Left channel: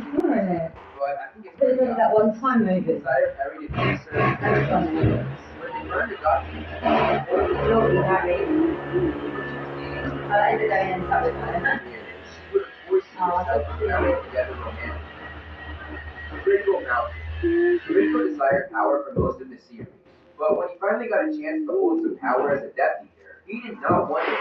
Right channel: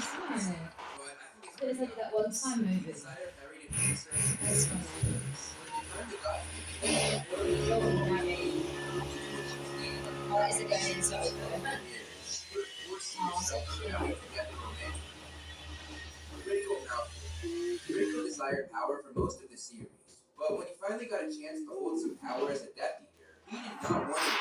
saw it. but I think it's It was pretty only that one obvious. time He movie. decided Harry to chase her and That's save funny. When they finally got to the Naughty Harry. even when she was dating other Oh, that is a boys, going in touch with her. she would have forced Oh, herself so to cute. Harry together romantically. Draco Malfoy. Draco desired power for most of the series, but when he finally got a chance to hold some power as a Death Eater, he did not want it.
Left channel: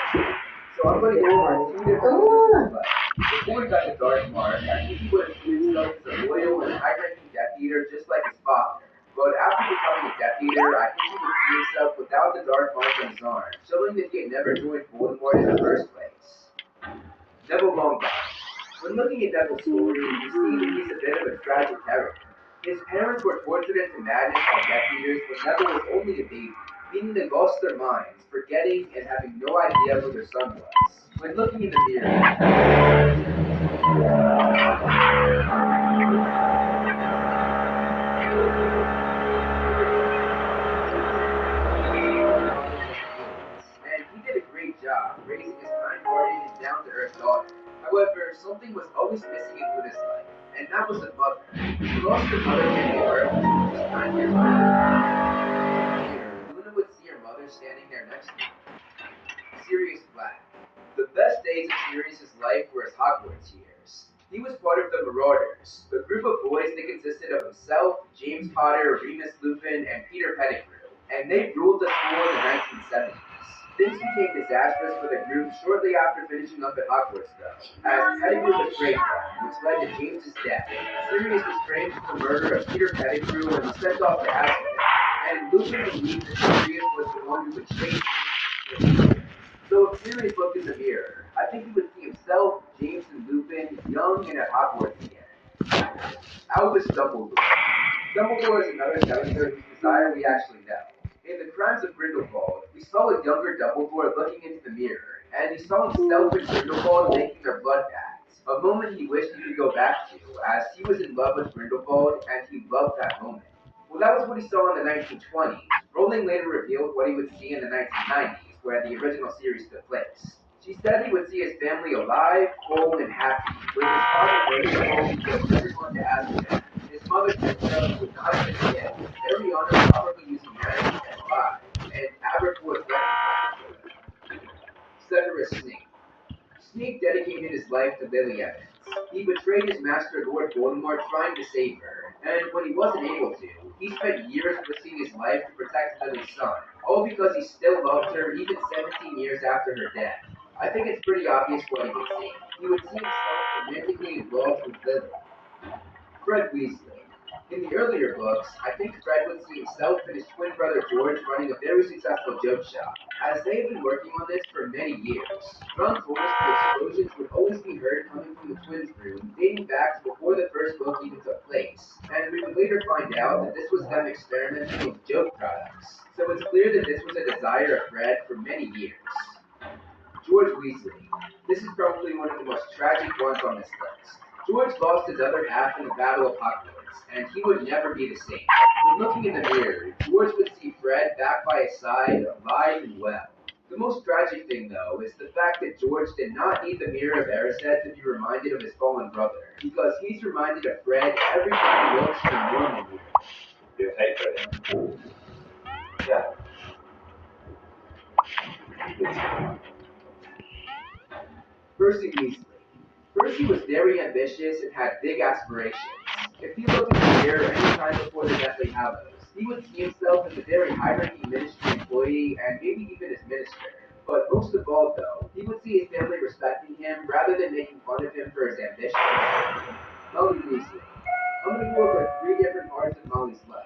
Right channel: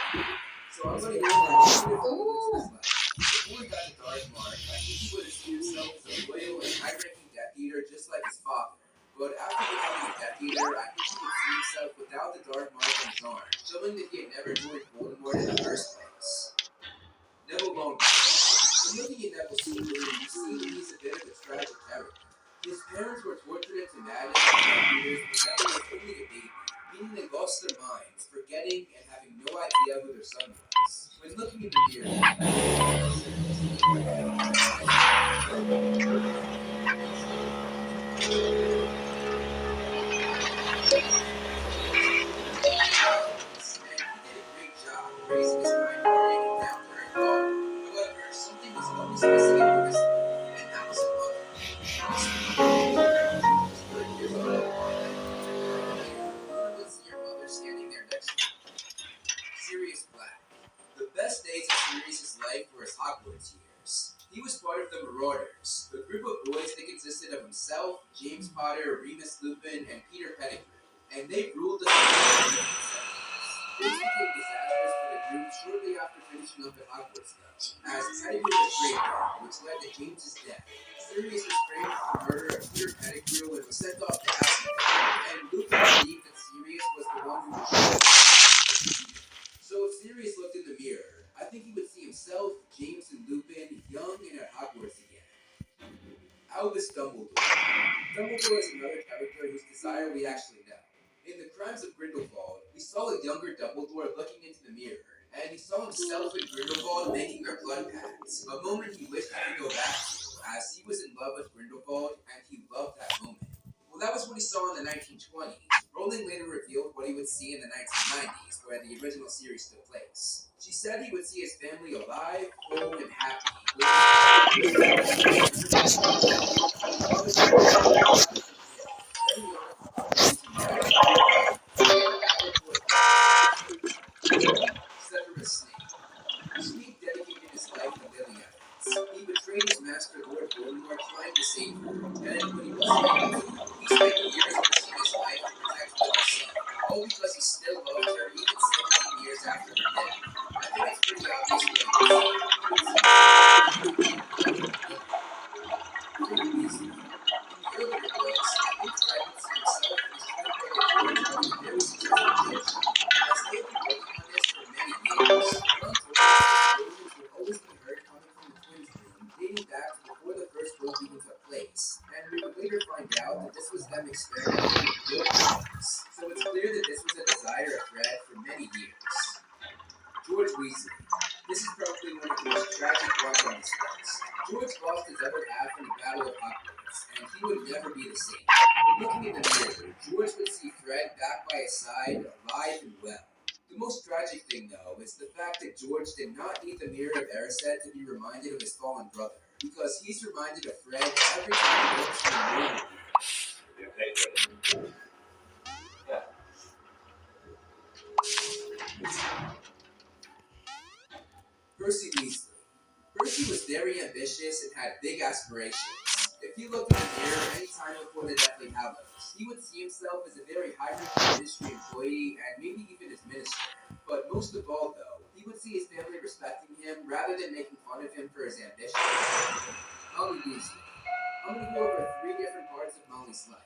So I'm going to go over two different moments in his life. Before he got the Dark Mark, I think he would have seen himself as a loyal and high-ranking Death Eater just like his father. But after becoming a Death Eater, I think he would see himself without the Dark Mark on his arm, showing that he had never joined Voldemort in the first place. Neville Longbottom. When looking at Neville's story, you see that he's a bit of a tragic character. His parents were tortured into madness by Death Eaters when Neville was only a baby, meaning they lost their minds, forgetting and having no idea who their son was. When looking in the mirror, and he did a great job raising his kind-hearted and down-to-earth daughter. However, something was always missing in Luna's life, and that was a mother. She lost her mother many years when she was 9 years old. Later, Luna would see her mother standing there next to her. Sirius Black. The best days of Sirius's life were his Hogwarts years. He was part of the Marauders, the group of boys that consisted of himself, James Potter, Remus Lupin, and Peter Pettigrew, and they ruled the school in the 1970s. Things became disastrous for the group shortly after finishing up at Hogwarts, though, as Pettigrew betrayed them, which led to James's death. Sirius was framed for the murder of Peter Pettigrew and was sent off to Azkaban, and Lupin believed that Sirius was the one who betrayed him. So if Sirius looked in the mirror, I think he would see himself, James, and Lupin young and at Hogwarts again. Albus Dumbledore. Dumbledore is another character whose desire we actually know. In The Crimes of Grindelwald, we saw a younger Dumbledore looking into the mirror, and he saw himself and Grindelwald making their blood pacts, a moment he wished he could go back to, as he was in love with Grindelwald and he loved that moment. Well, that was what he saw in the 1920s. Rowling later revealed what he would see in the 1990s, where the original series took place. She said he would see his family alive, whole, and happy, with his father merciful and his mother Grindelwald would not have been dead. Ariana probably using magic to revive, and Albert would Severus Snape. Snape dedicated his life to Lily Evans. He betrayed his master Lord Voldemort trying to save her, and when he wasn't able to, he spent years risking his life to protect Lily's son, all because he still loved her even 17 years after her death. I think it's pretty obvious what he would see. He would see himself romantically involved with Lily. Fred Weasley. In the earlier books, I think Fred would see himself and his twin brother George running a very successful joke show. As they had been working on this for many years, Ron told us that explosions would always be heard coming from the twins' room, dating back to before the first book even took place. And we would later find out that this was them experimenting with joke products. So it's clear that this was a desire of Fred for many years. George Weasley. This is probably one of the most tragic ones on this list. George lost his other half in the Battle of Hogwarts, and he would never be the same. When looking in the mirror, George would see Fred back by his side, alive and well. The most tragic thing, though, is the fact that George did not need the Mirror of Erised to be reminded of his fallen brother, because he's reminded of Fred every time he looks in a normal mirror. You hate Fred? Yeah. Percy Weasley. Percy was very ambitious and had big aspirations. If he looked in the mirror any time before the Deathly Hallows, he would see himself as a very high-ranking ministry employee and maybe even as minister. But most of all, though, he would see his family respecting him rather than making fun of him for his ambition. Molly Weasley. I'm going to go over three different parts of Molly's life.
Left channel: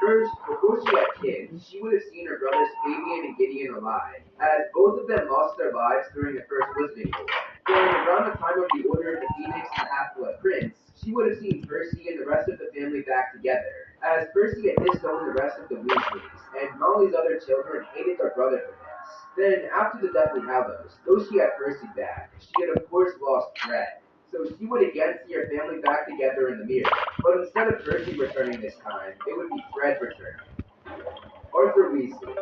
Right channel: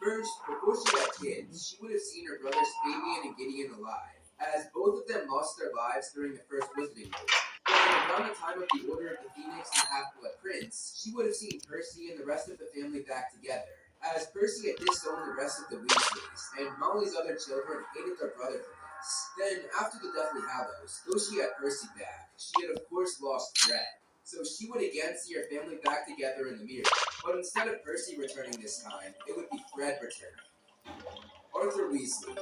First, before she had kids, she would have seen her brothers Fabian and Gideon alive, as both of them lost their lives during the First Wizarding War. Then, around the time of the Order of the Phoenix and Half-Blood Prince, she would have seen Percy and the rest of the family back together, as Percy had disowned the rest of the Weasleys, and Molly's other children hated their brother for this. Then, after the Deathly Hallows, though she had Percy back, she had of course lost Fred. So she would again see her family back together in the mirror. But instead of Percy returning this time, it would be Fred returning. Arthur Weasley.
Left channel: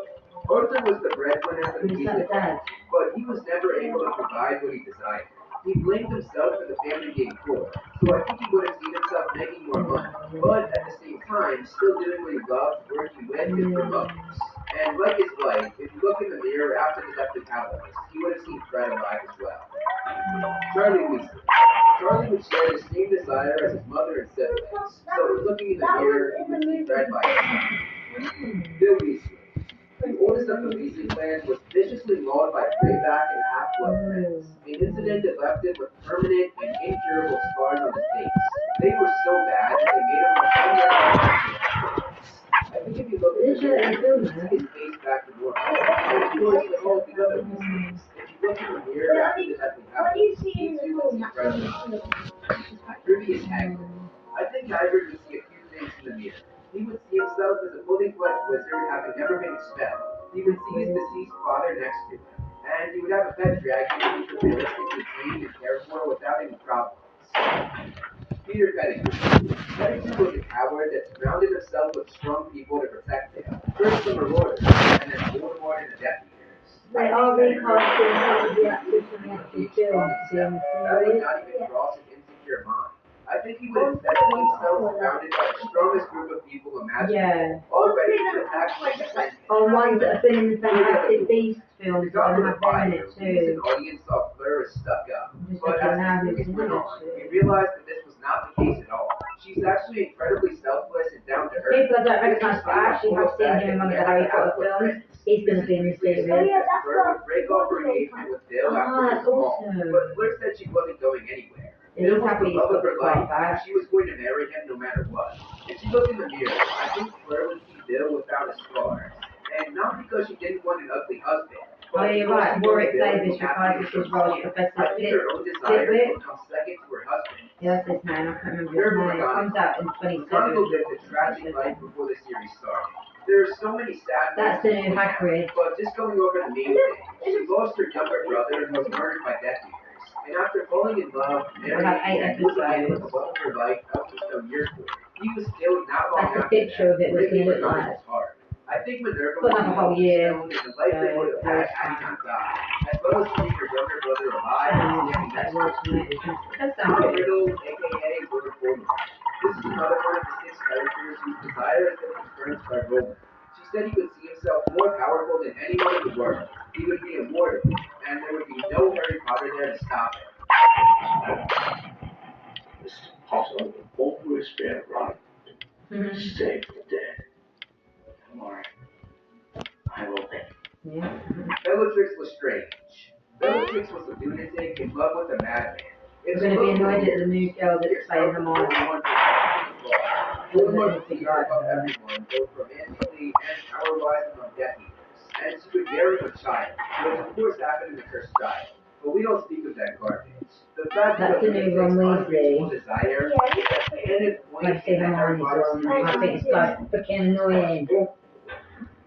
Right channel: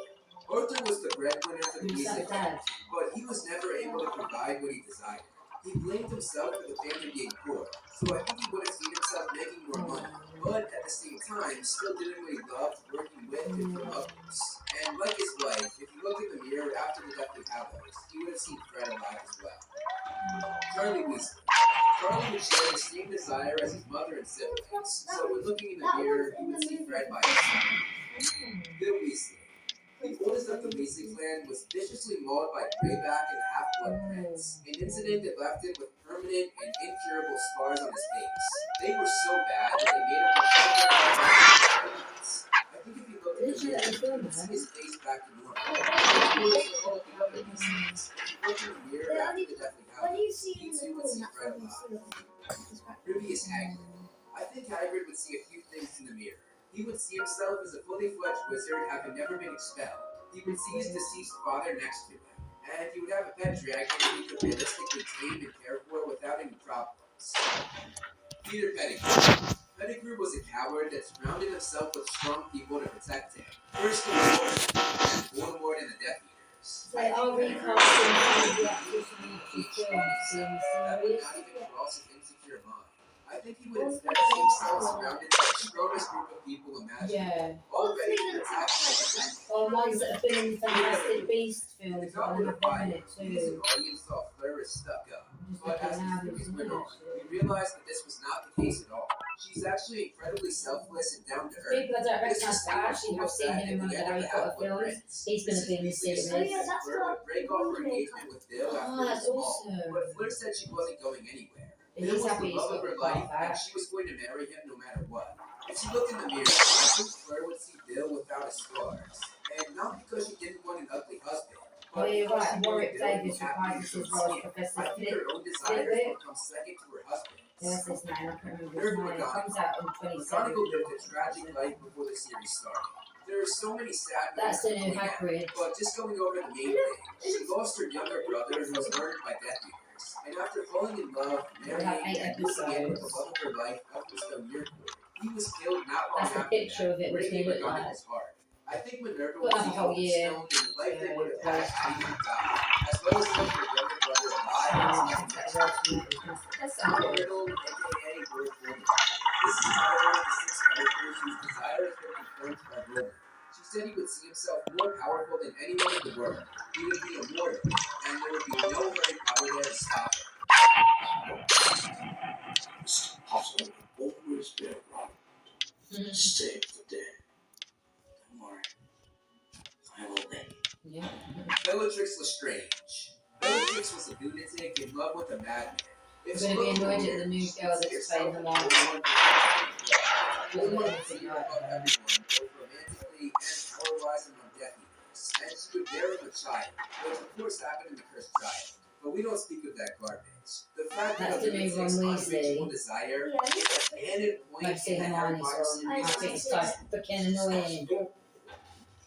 Arthur was the breadwinner for the Weasley family, but he was never able to provide what he desired. He blamed himself for the family being poor, so I think he would have seen more money, but at the same time, still doing what he loved, working with and for others. And like his wife, if you look in the mirror after the Deathly Hallows, he would have seen Fred alive as well. Charlie Weasley. Charlie would share the same desire as his mother and siblings, so when looking in the mirror, he would see Fred by his side. Bill Weasley. The oldest of the Weasley clan was viciously mauled by Greyback and Half-Blood Prince, an incident that left him with permanent and incurable scars on his face. They were so bad that they made him look afterwards. I think if you looked at the mirror, you would see his face back to normal. And of course, with all the other Weasleys, if you looked in the mirror after the Deathly Hallows, you too would see Fred alive. Previous Hagrid. I think Hagrid would see a few things in the mirror. He would see himself as a fully fledged wizard having never been expelled. He would see his deceased father next to him. And he would have a pet dragon that he could realistically tame and care for without any problems. Peter Pettigrew. Pettigrew was a coward that surrounded himself with strong people to protect him. First Dumbledore, and then Voldemort and the Death Eaters. They are recasting some of the actors from the actual films. That would not even cross his insecure mind. I think he would instead see himself surrounded by the strongest group of people imaginable. Yeah. All ready to attack him. On ones that have been in the Fantastic Beasts The films, but Goblet I of have them in Fire, it we as too. an audience saw Fleur as stuck up. Just But looking as now the who's movies in went it. on, we realized that this was not the case at all. She's actually incredibly selfless and down to earth. People I don't recognise, but I actually have seen him in one of the Harry Potter films. He's going to be in the series. Fleur would break off her engagement with Bill Oh, after that's the small, awesome. but Fleur said she wasn't going anywhere. Yeah, he's happy he's love got of her the life, part and back. she was going to marry him no matter what. If she looked in the mirror, I think Fleur would see Bill without his scars. And not because she didn't want an ugly husband. Oh, you're because right. she Warwick wanted Bill to Davis be happy reprises with his role as himself. Professor I think her own desires Flitwick. will come second to her husband's. Yeah, that's his name. I can't remember his name. It comes out in McGonagall 27. lived a tragic life before the series started. There are so many sad That's the moments new to point out, Hagrid. but just going over the main thing, she lost her younger brother and was murdered by Death Eaters. And after falling in love, marrying, have 8 and moving in with the episodes. love of her life out to Stone Yearcourt, he was killed not long That's the after picture that, of it was breaking going to look like. McGonagall's heart. I think Minerva Got another whole year, Stone and the life they would have had had he not died, as well as seeing her younger brother alive and standing next to him. That sounds good. Riddle, aka Lord Voldemort. This is another one of the 6 characters whose desire has been confirmed by Rowling. She said he would see himself more powerful than anyone in the world. He would be immortal, and there would be no Harry Potter there to stop him. Mr. Potter will always be around to save the dead. Don't worry. I will be. Yeah. Bellatrix Lestrange. Bellatrix was a lunatic in love with a madman. We're going to be annoyed at the new girl that's playing Hermione. Voldemort would see her above everyone, both romantically and power-wise among Death Eaters, and she would marry a child, which of course happened in the Cursed Child. But we don't speak of that garbage. The fact That's that the new Ron unreasonable Weasley. desire is a canon point Like see in the Harry Hermione's Potter wrong. I series. think it's so freaking annoying.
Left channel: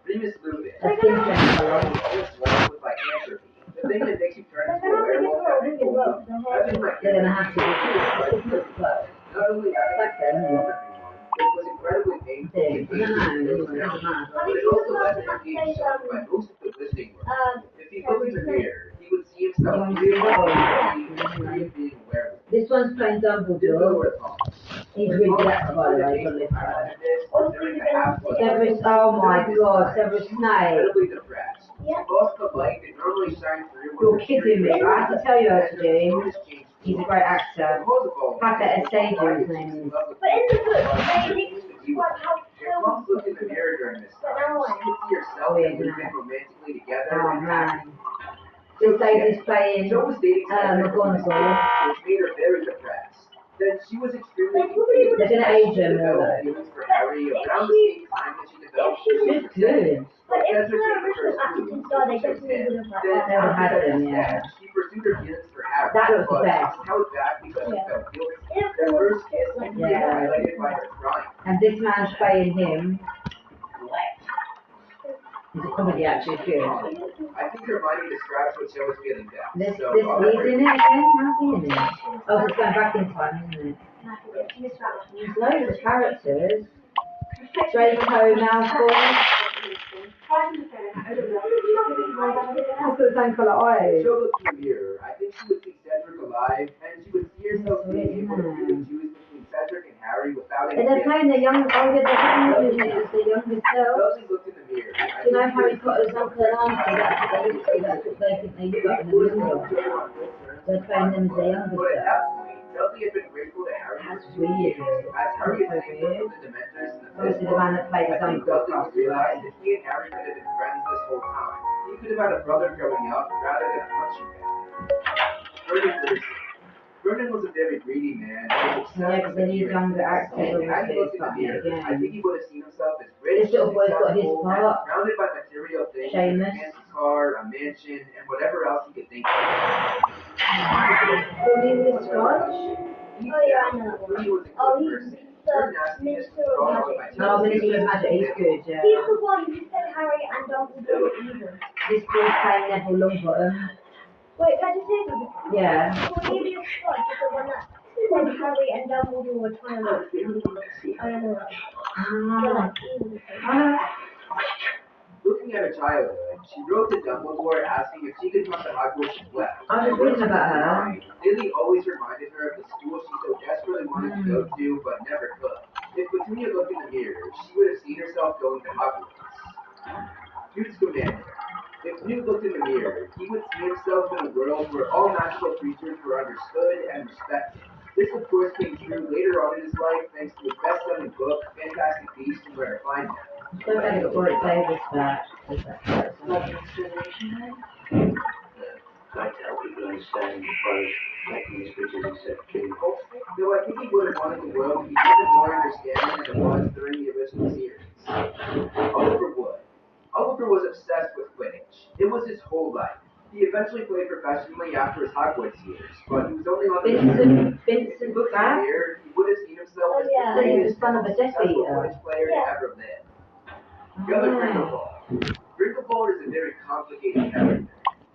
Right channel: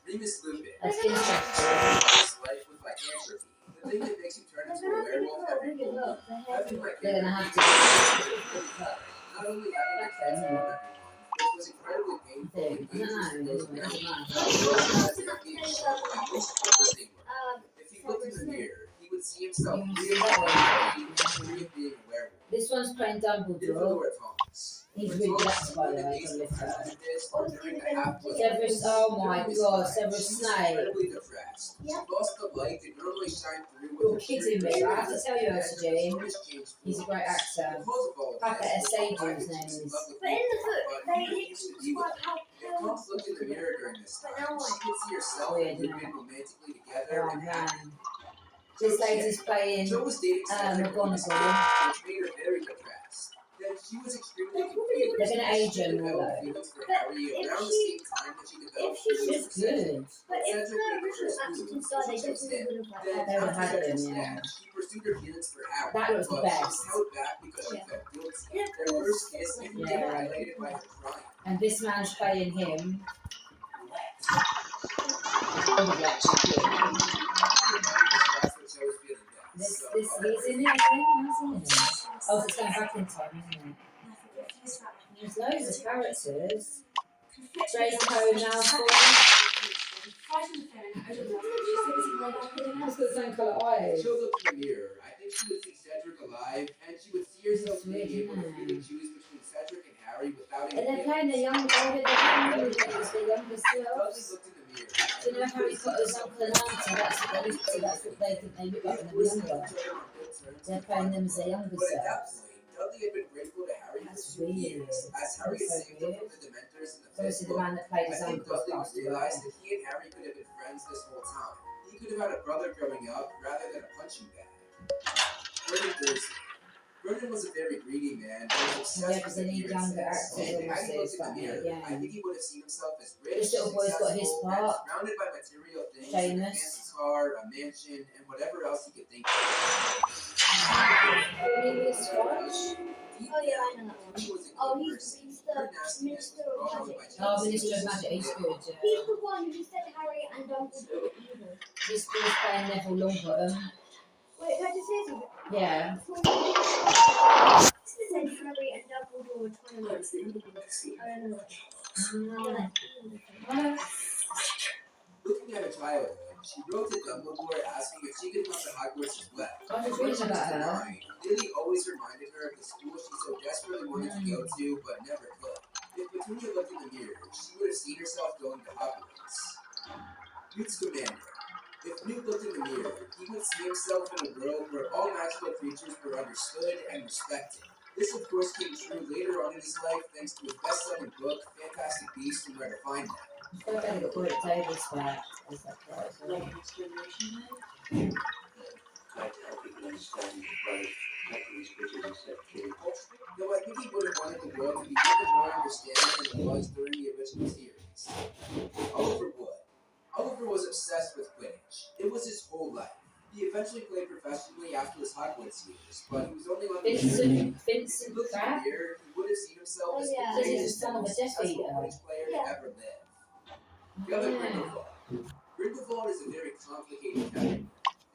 Remus Lupin. That's insane. This life with lycanthropy. The thing that makes you turn into a werewolf every full moon. Having They're going to have to. not only having to transform everyone, which was incredibly painful and I don't know. Anyway, it doesn't matter. If he looked in the mirror, he would see himself You want to see that one? free of being a werewolf. This one's playing Dumbledore. Dumbledore Tonks. He's really that's by the way on this side. Severus, oh my god, Severus Snape. Incredibly depressed. She lost the light that normally shined through. You're kidding me. I have to tell you, Eugene. He's a great actor. Papa Essaydo, his name is. But in the book, they describe how If Tonks looked in the mirror during this time, she could see herself Oh, yeah, and Lupin romantically together Oh and happy. man. This lady's playing Jo was dating Cedric McGonagall. which made her very depressed. Then she was extremely confused. They're gonna age her She more, developed though. feelings for Harry around the same time that she developed feelings She's for Cedric. good. But if Cedric the made the original first actors move, died, they so she chose definitely him. would have Then like They would after have Cedric's them, yeah. death, she pursued her feelings for Harry. That was the but best. she was held back because she Yeah. felt guilty. And of Their course, first kiss like, had been Yeah. highlighted by her crying. And this man's playing him. Oh, yeah, actually good. I think Hermione describes what Jo was feeling down. This, so this, I'll let he's her- in it again? How's he in it? Oh, it's going back in time, isn't it? There's loads of characters. Draco Malfoy. He's got the same colour eyes. Jo looked in the mirror. I think she would see Cedric alive, and she would see herself being able to really choose between Cedric and Harry without shouting. And they're playing the young, oh yeah, they're playing it's the younger selves. Dudley looked in the mirror. Do you know Harry Potter's uncle and auntie? That's what they look to, that's what they think they look like when they're younger. They're playing them as their younger But at that selves. point, Dudley had been grateful to Harry That's for 2 weird. years. As Harry That's so saved him weird. from the Dementors in the Obviously, fifth the man book, that played his I think uncle Dudley passed would realize away. that he and Harry could have been friends this whole time. He could have had a brother growing up rather than a punching bag. Vernon Dursley. Vernon was a very greedy man. He was Yeah, obsessed because with they need younger appearances. actors, And as he obviously, looked in the starting mirror, again. I think he would have seen himself as rich, This little boy's got his successful, and part. surrounded by material things like a Seamus. fancy car, a mansion, and whatever else he could think of. Cornelius Fudge? Deep Oh, yeah, I down, know that one. he was a good Oh, person. he's Her the nastiness was Minister of brought on by Magic. Oh, jealousy. Minister of Magic, he's good, yeah. He's the one who said Harry and Dumbledore were evil. This boy's playing Neville Longbottom. Wait, can I just say something? Yeah. Said Harry and Dumbledore were trying to I don't know. They're Ah. like evil. Ah. Looking at her childhood, she wrote to Dumbledore asking if she could come to Hogwarts as well. I was reading about her. Lily always reminded her of the school she so desperately wanted to go to but never could. If Petunia looked in the mirror, she would have seen herself going to Hogwarts. Newt Scamander. If Newt looked in the mirror, he would see himself in a world where all magical creatures were understood and respected. This, of course, came true later on in his life thanks to his best-selling book, Fantastic Beasts and Where to Find Them. I'm so glad I got Warwick Davis back. As that character. I tell people understand both techniques because he said king. Though I think he would have wanted the world to be even more understanding than it was during the original series. Oliver Wood. Oliver was obsessed with Quidditch. It was his whole life. He eventually played professionally after his Hogwarts years, but he was only on the Vincent If he Vincent looked in the Crabbe? mirror, he would have seen himself Oh, as yeah. the He's the greatest son and of a most Death successful Eater. Quidditch player Yeah. to ever live. The other Ah. Grindelwald. Grindelwald is a very complicated character.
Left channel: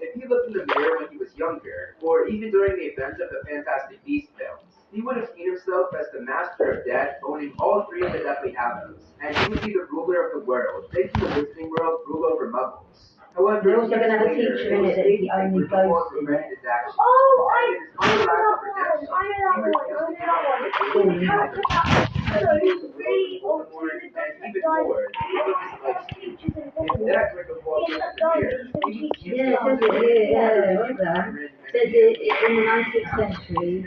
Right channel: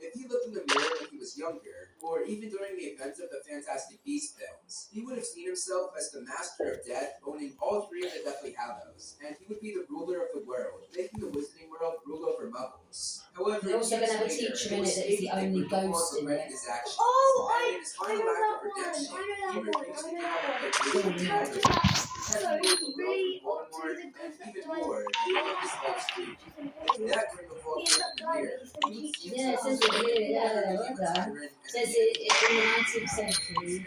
If he looked in the mirror when he was younger, or even during the events of the Fantastic Beasts films, he would have seen himself as the Master of Death, owning all 3 of the Deathly Hallows, and he would be the ruler of the world, making the Wizarding World rule over Muggles. However, They're also years gonna have a later, teacher in it was that is the stated that only Grindelwald ghost in regretted it. his actions, Oh, and in his final act of redemption, I know that he one. refused to give up the Cool. Wizarding Character World. that so really Voldemort, up to the and ghost that even died. more, he lived his life stream. If that Grindelwald He looked ended in up the dying, mirror, but he he would still see Yeah, it himself says it here, as yeah, a I love that. tyrant and It says in the 19th century,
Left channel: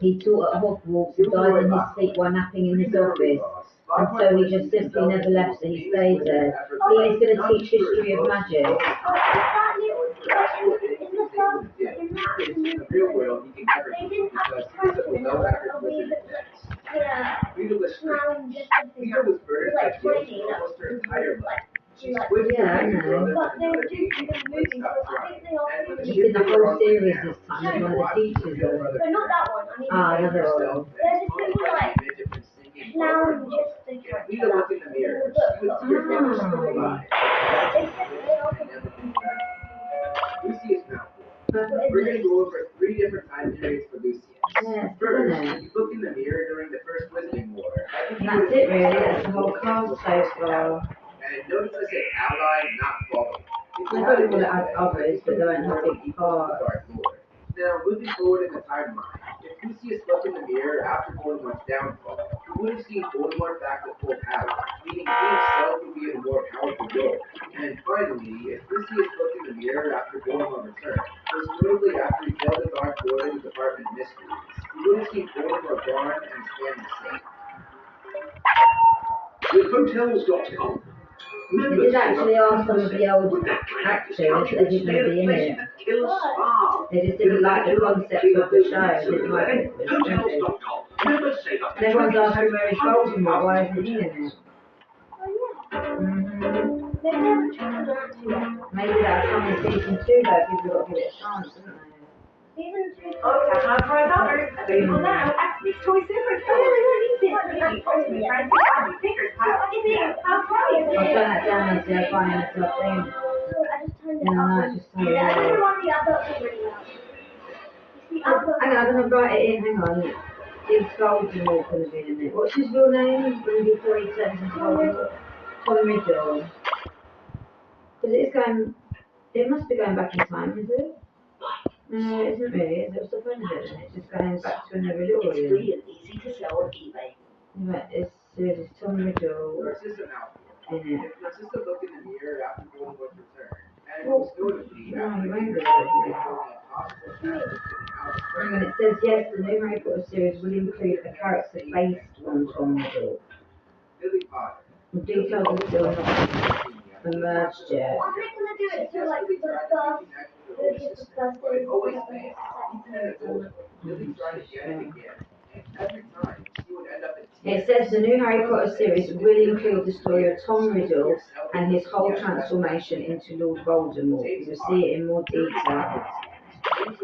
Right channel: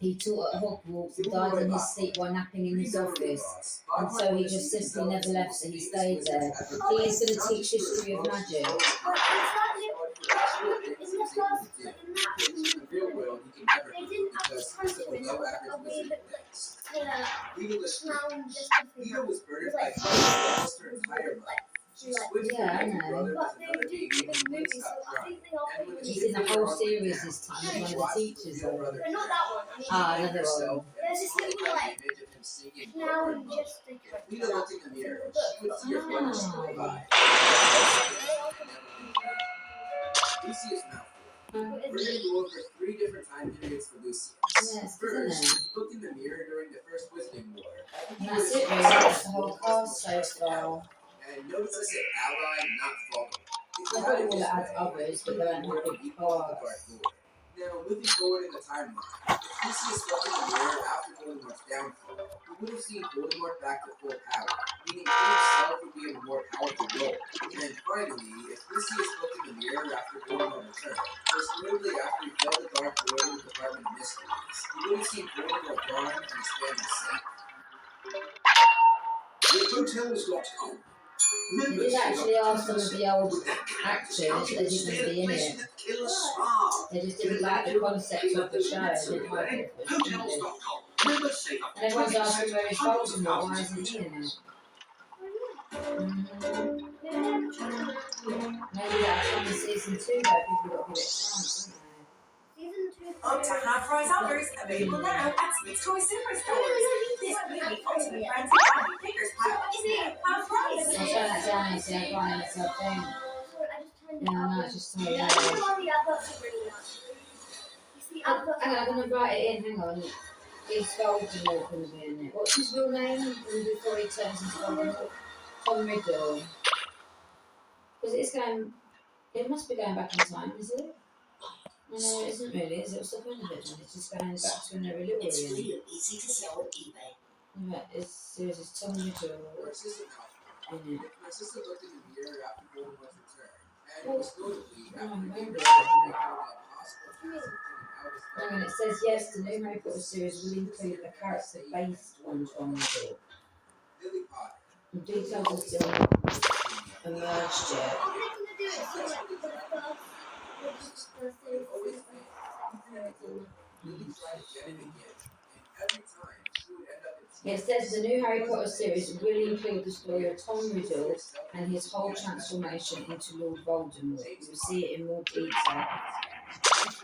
he taught at Hogwarts and died in his sleep while napping in his office. And so he just simply never left, so he stayed there. He's going to teach history of magic. Oh, it's that little, in the first, in that In the movie, real world, he can never they do didn't because actually he's a catch him, below average a wizard wee at bit best. yeah, Peter Lestrange. clown just a thing. Peter was burdened by trust almost her entire life. She switched Yeah, I from being know. brother But with they another did baby in the and movie, wouldn't so stop I crying. think they all And when the He's shit in the hit whole her series down, this time. she He's one of the watched her teachers, real though. brother But not that one. I mean, Ah, hang another herself one. and There's this haunted little, by the like, image of him singing clown Love, Love. just a If character. Lita looked in the mirror, It's she would see her brother Ah. still alive. They all And never be friends. Lucius Malfoy. But We're it's going to go over 3 different time periods for Lucius. Yes, First, isn't it? if you look in the mirror during the First Wizarding War, I think And he that's would it, have really. seen That's the whole himself cast as so the far. And notice I said ally, not follower. If They you probably had it will this add way, others, but they won't have big equal to the parts. Dark Lord. Now, moving forward in the timeline, if Lucius looked in the mirror after Voldemort's downfall, he would have seen Voldemort back to full power, meaning he himself would be in a more powerful role. And finally, if Lucius looked in the mirror after Voldemort returned, most notably after he failed the Dark Lord in the Department of Mysteries, he would have seen Voldemort gone and his family safe. The hotel's got to come. They did actually ask some of the old actors that they didn't want to be in it. They just didn't like the concept of the show. They didn't like it. And everyone's asking where is Voldemort, why isn't he in it? Mm-hmm. Maybe that'll come in season 2 though, people have got to give it a chance, haven't Season 2. Uptown Prize offers available now at Sweet's Toy Superstore. This baby ultimate friends and family pickers pile is now half price. they? I'll turn that down and see I can't hear myself think. I just turned it Yeah, no, up. it's just so Yeah, I don't loud. know why the adverts are really loud. It's the adverts. Hang on, I'm going to write it in, hang on. Is Voldemort going to be in it? What's his real name before he turns into Voldemort? Tom Riddle. Because it is going, it must be going back in time, is it? No, it isn't really, is it? What's the point of it then? It's just going back to when they were little It's again. free and easy to sell on eBay. But there's Tom Riddle Narcissa Malfoy. in it. If Narcissa looked in the mirror after Voldemort's return, and Well, most notably no, after he won't Peter be said able to. it would be impossible to ask him to get out of Hang on, it says yes, the new Harry Potter series will include a character based on Tom Riddle. Lily Potter. The details are still not emerged yet. Are they gonna do it for like the first? But it always failed. Even an adult, Lily tried again and again, and every time she would end up in It tears. says the new Harry Potter series will include the story of Tom Riddle and his whole transformation into Lord Voldemort. You'll see it in more detail.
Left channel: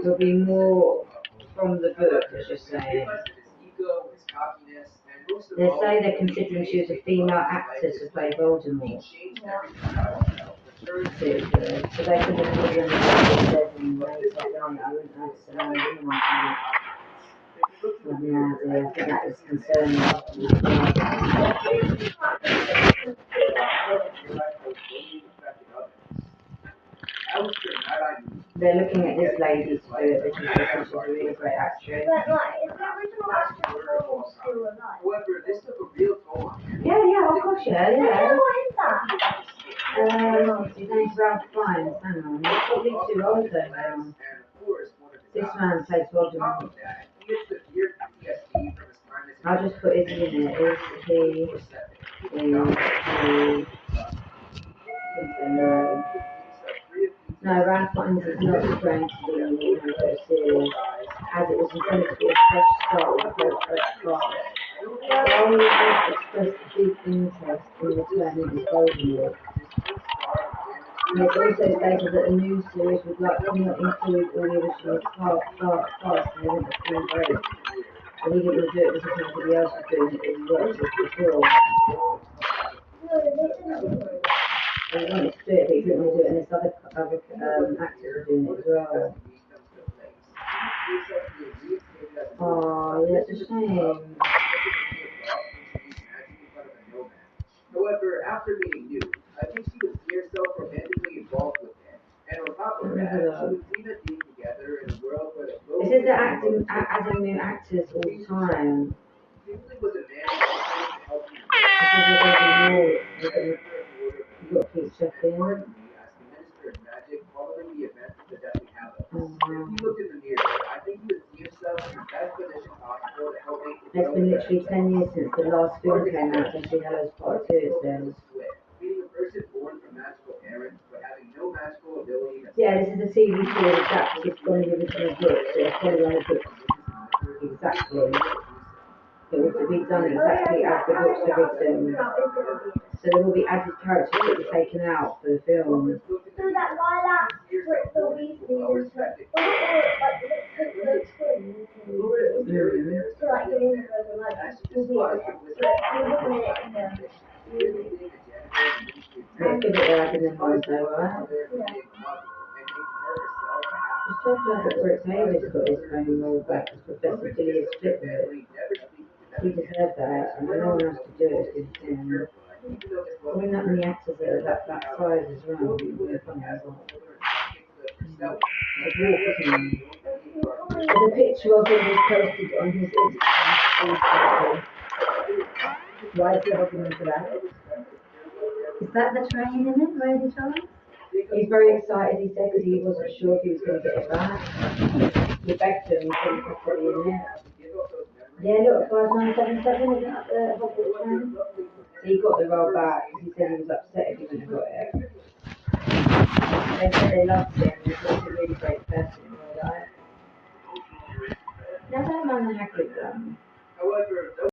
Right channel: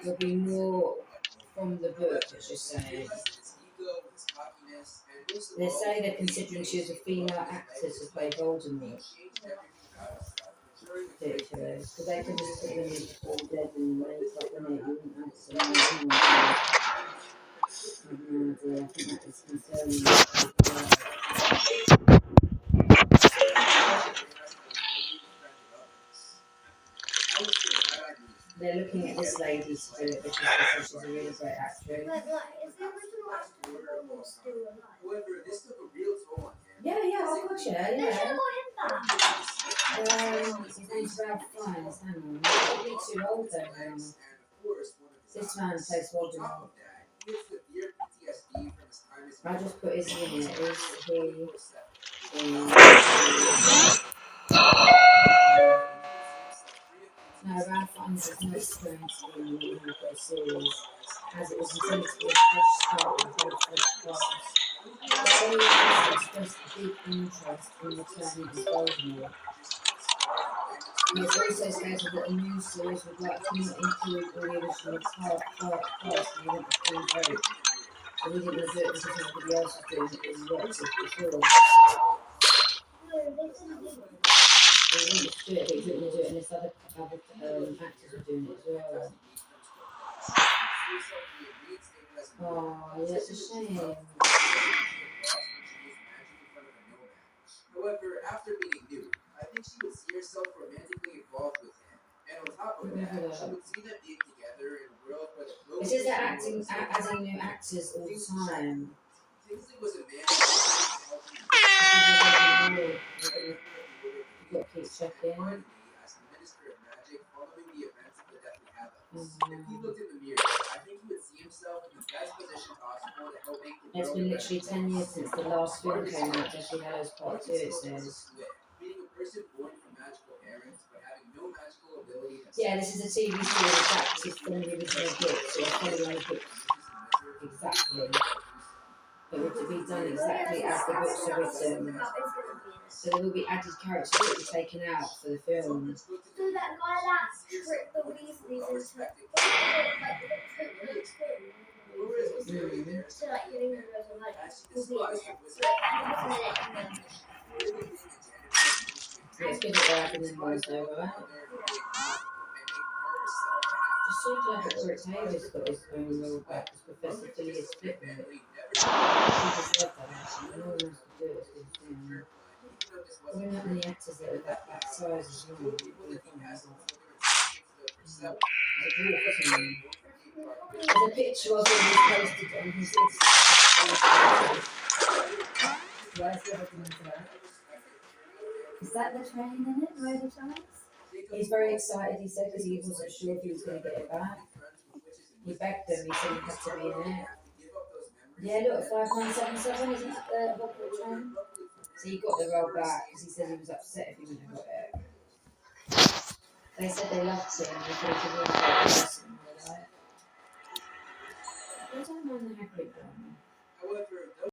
There'll be more from the book, as you're saying. They say they're considering choosing a female actor to play Voldemort. Ridiculous. But they can just put you in the bed and make it, don't they? I wouldn't know so I have no idea. I think that is concerning. They're looking at this lady to do it because she's a really great actress. But like, is the original actor still alive? However, this took a real toll on him. Yeah, oh gosh, yeah. They should have got him back. His name's Ralph Fiennes, hang on. He's probably too old though now. This man plays Voldemort. I'll just put his in it. Is he? No, Ralph Fiennes is not strange to be in the Harry Potter series, as it was intended to be a fresh start with a whole fresh cast. Rowling has expressed deep interest in returning as Voldemort. And it's also stated that the new series would likely not include all the original cast and they want to clean break. So we didn't do it because nobody else was doing it as well as before. They wanted to do it, but he didn't want to do it, and there's other actors are doing it as well. Oh, yeah, it's a shame. However, after meeting Newt, I think she would see herself romantically involved with him. And on top of that, she would see them being together in a world where the This is the adding new actors all the time. Kingsley was a man who was help You've got to keep checking. as the Minister of Magic following the events of the Deathly Hallows. If he looked in the mirror, I think he would see himself in the best position possible to help make the It's been literally 10 years since the last film came out, Deathly Hallows Part 2, it says. Being a person born from magical parents, but having no magical ability to Yeah, this is a TV series adapted from the original book, so it's following the book exactly. It would be done exactly as the books are written. So there will be added characters that were taken out for the film. So that Lilac tricked the Weasleys into, was it like the twins? So like the Weasleys were like, will be able to split, and he wasn't in it in the It's good that they're adding them ones though, right? Just so glad that Rick Davis got his own role back as Professor Phileas Flitwick. He deserved that, and no one else could do it as good as him. Probably not many actors that are that size as well. They're funny as well. It's a dwarf, isn't he? There's a picture of him that's posted on his Instagram. Why is he holding on to that? Is that the train in it, Rosie Charles? He's very excited, he said, because he wasn't sure if he was going to get it back. He begged him, he said he had to be in it. Yeah, look, 5977, isn't that the Hogwarts train? So he got the role back because he said he was upset if he wouldn't have got it. They said they loved him, they thought he really great person, right? No, I don't mind the Hagrid one. However,